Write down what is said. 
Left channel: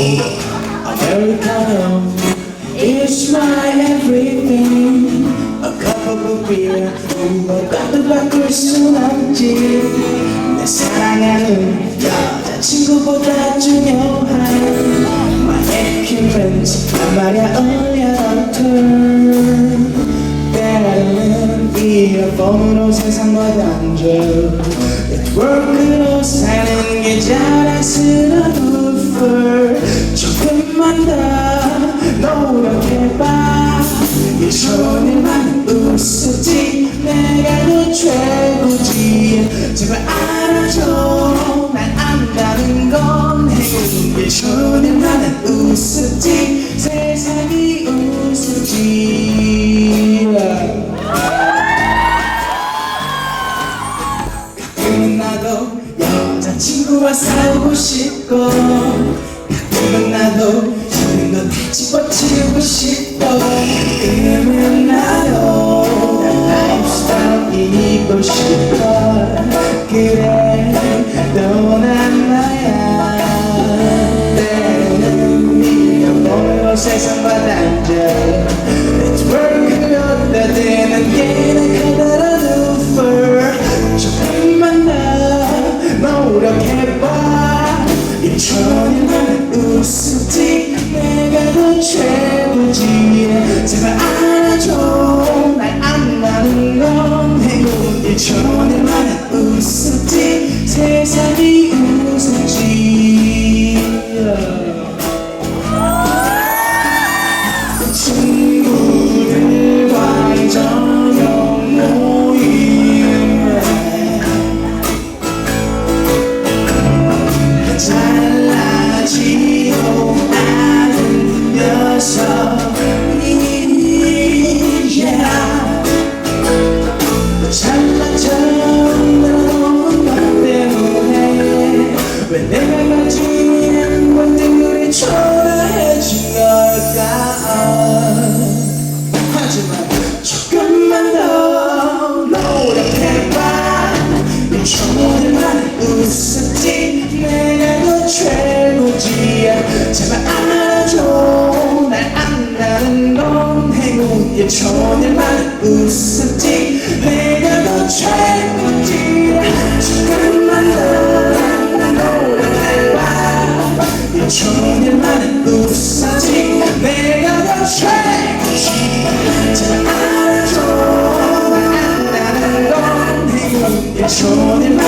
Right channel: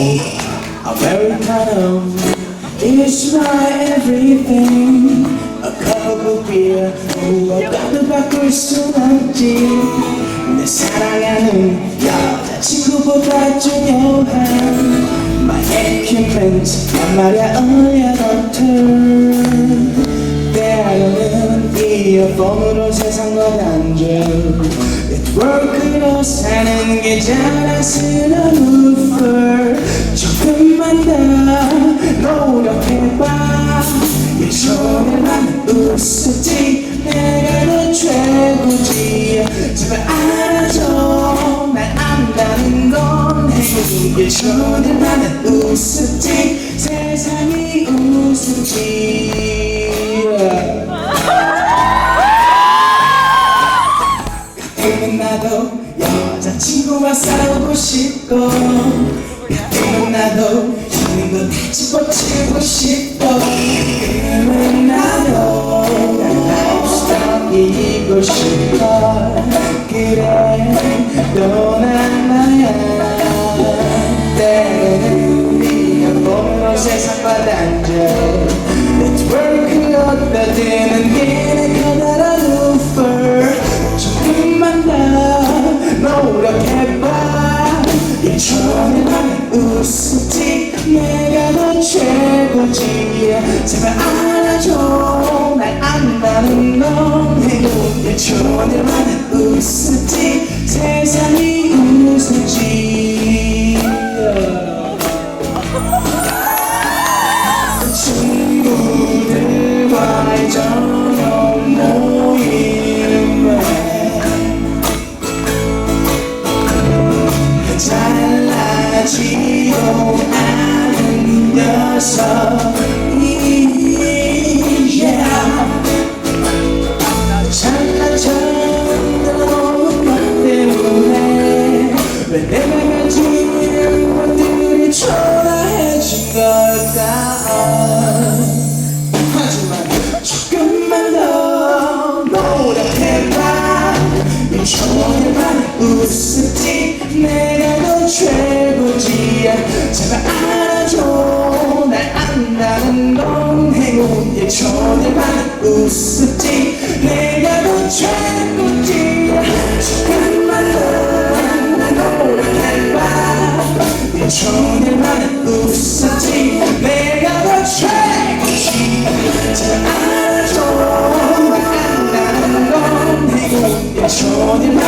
cold Americano is my everything A cup of beer 무엇과도 바꿀 순 없지 내 사랑하는 여자친구보다 중요한 My equipment 난 말야 only a hunter 때로는 이어폰으로 세상과 단절 네트워크로 사는 게 자랑스러워 더 노력해봐. 예전에만 웃었지. 내가 너 최고지. 제발 알아줘. 날 안다는 건 예전에만 웃었지. 세상이 웃었지. 가끔은 나도 여자친구와 싸우고 싶고 나도 힘든 거다 집어치우고 싶고 예전에는 웃었지. 내가 더 최고지 제발 알아줘. 날 안다는 건 행운 예전에만 웃었지. 세상이 웃었 myself, yeah. 전에만 웃었지. 내가 더 최고지. 조금만 더 노력해봐 예전에만 웃었지. 내가 더 최고지 제발 알아줘. 날 안다는 건 행운 예전에만